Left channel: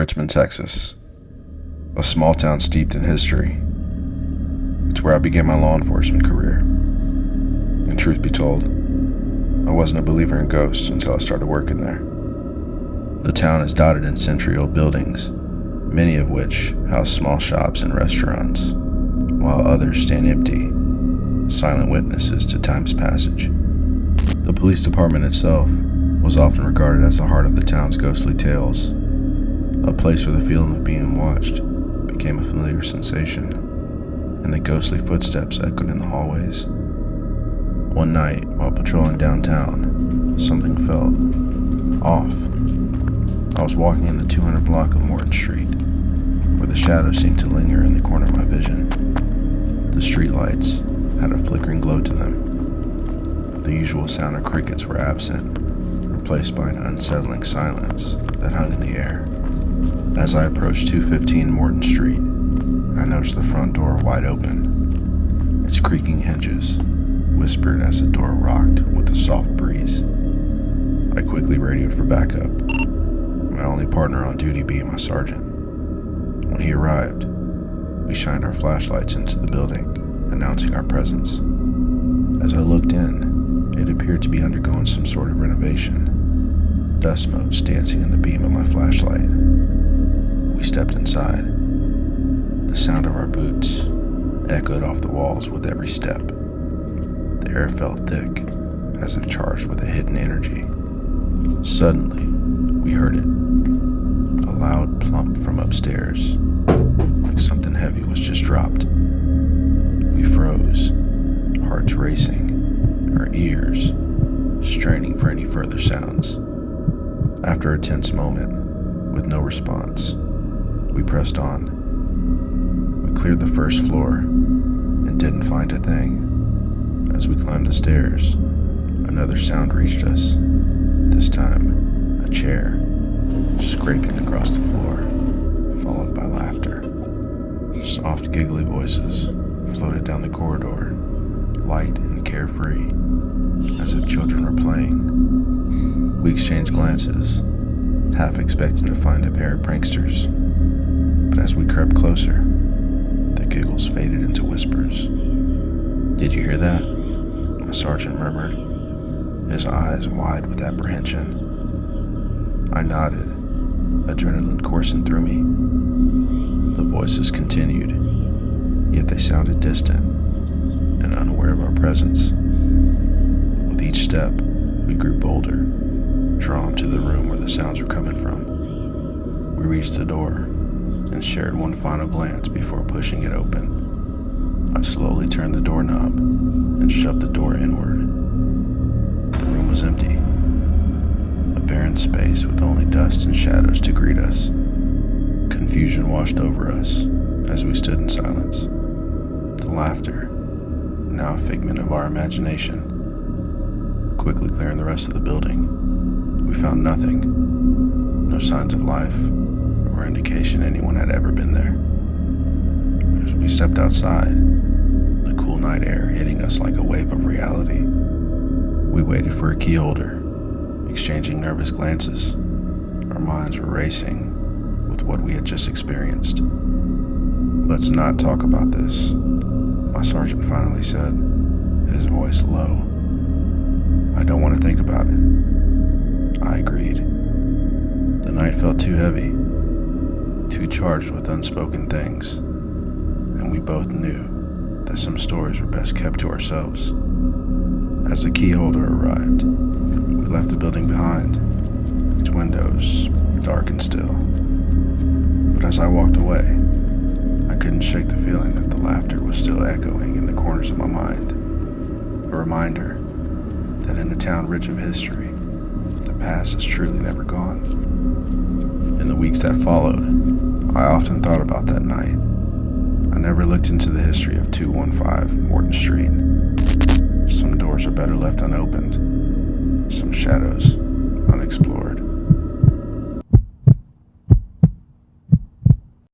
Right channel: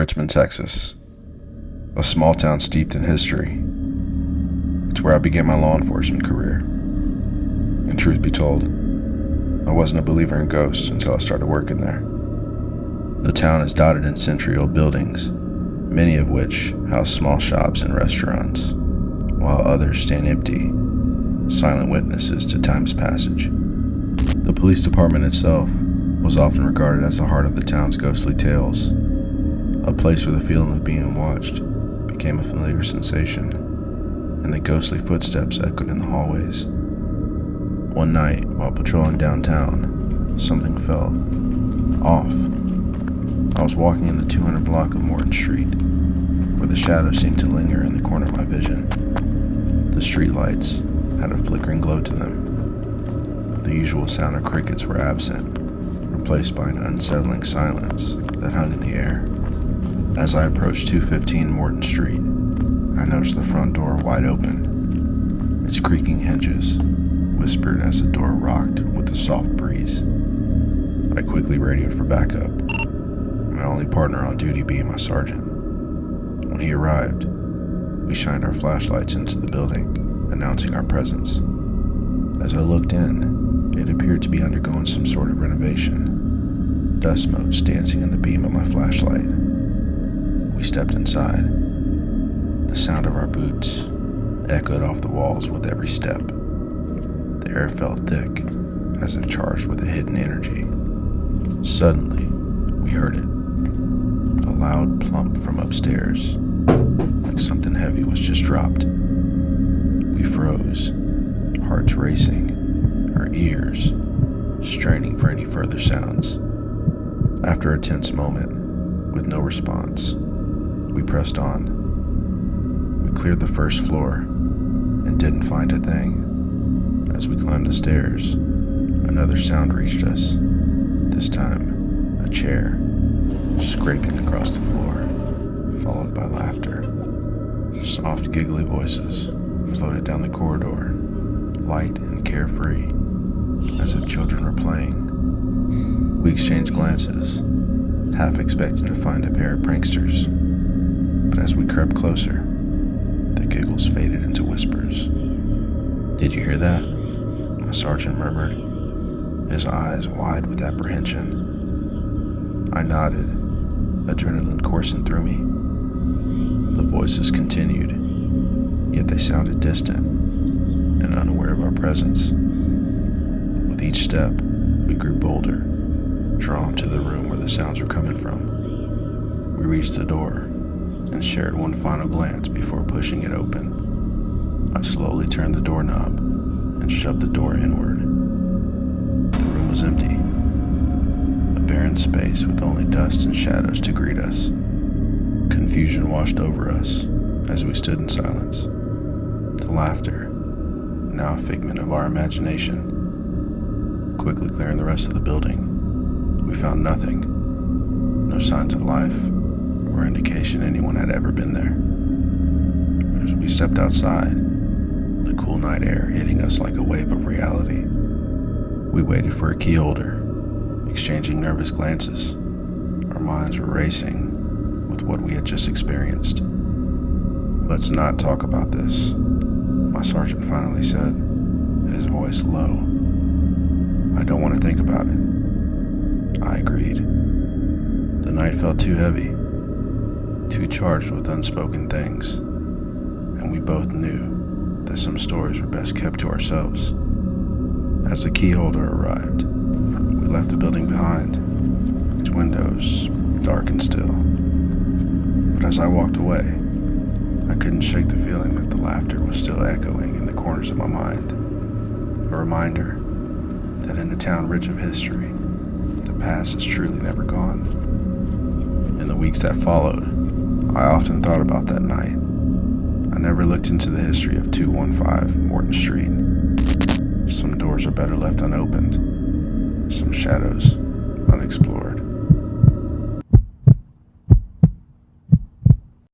Richmond, Texas, a small town steeped in history. It's where I began my law enforcement career. And truth be told, I wasn't a believer in ghosts until I started working there. The town is dotted in century-old buildings, many of which house small shops and restaurants, while others stand empty, silent witnesses to time's passage. The police department itself was often regarded as the heart of the town's ghostly tales, a place where the feeling of being watched became a familiar sensation, and the ghostly footsteps echoed in the hallways. One night, while patrolling downtown, something felt off. I was walking in the 200 block of Morton Street, where the shadows seemed to linger in the corner of my vision. The streetlights had a flickering glow to them. The usual sound of crickets were absent, replaced by an unsettling silence that hung in the air. As I approached 215 Morton Street, I noticed the front door wide open. Its creaking hinges whispered as the door rocked with a soft breeze. I quickly radioed for backup, my only partner on duty being my sergeant. When he arrived, we shined our flashlights into the building, announcing our presence. As I looked in, it appeared to be undergoing some sort of renovation, dust motes dancing in the beam of my flashlight. We stepped inside. The sound of our boots echoed off the walls with every step. The air felt thick, as if charged with a hidden energy. Suddenly, we heard it. A loud plump from upstairs, like something heavy was just dropped. We froze, hearts racing, our ears straining for any further sounds. After a tense moment, with no response, we pressed on. We cleared the first floor and didn't find a thing. As we climbed the stairs, another sound reached us. This time, a chair scraping across the floor, followed by laughter. Soft, giggly voices floated down the corridor, light and carefree, as if children were playing. We exchanged glances, half expecting to find a pair of pranksters. But as we crept closer, the giggles faded into whispers. "Did you hear that?" my sergeant murmured, his eyes wide with apprehension. I nodded, adrenaline coursing through me. The voices continued, yet they sounded distant and unaware of our presence. With each step, we grew bolder, drawn to the room where the sounds were coming from. We reached the door and shared one final glance before pushing it open. I slowly turned the doorknob and shoved the door inward. The room was empty, a barren space with only dust and shadows to greet us. Confusion washed over us as we stood in silence. The laughter, now a figment of our imagination. Quickly clearing the rest of the building, we found nothing, no signs of life or indication anyone had ever been there. As we stepped outside, the cool night air hitting us like a wave of reality, we waited for a key holder, exchanging nervous glances. Our minds were racing with what we had just experienced. "Let's not talk about this," my sergeant finally said, his voice low. "I don't want to think about it." I agreed. The night felt too heavy, too charged with unspoken things, and we both knew that some stories were best kept to ourselves. As the key holder arrived, we left the building behind, its windows dark and still. But as I walked away, I couldn't shake the feeling that the laughter was still echoing in the corners of my mind, a reminder that in a town rich of history, the past is truly never gone. In the weeks that followed, I often thought about that night. I never looked into the history of 215 Morton Street. Some doors are better left unopened, some shadows unexplored.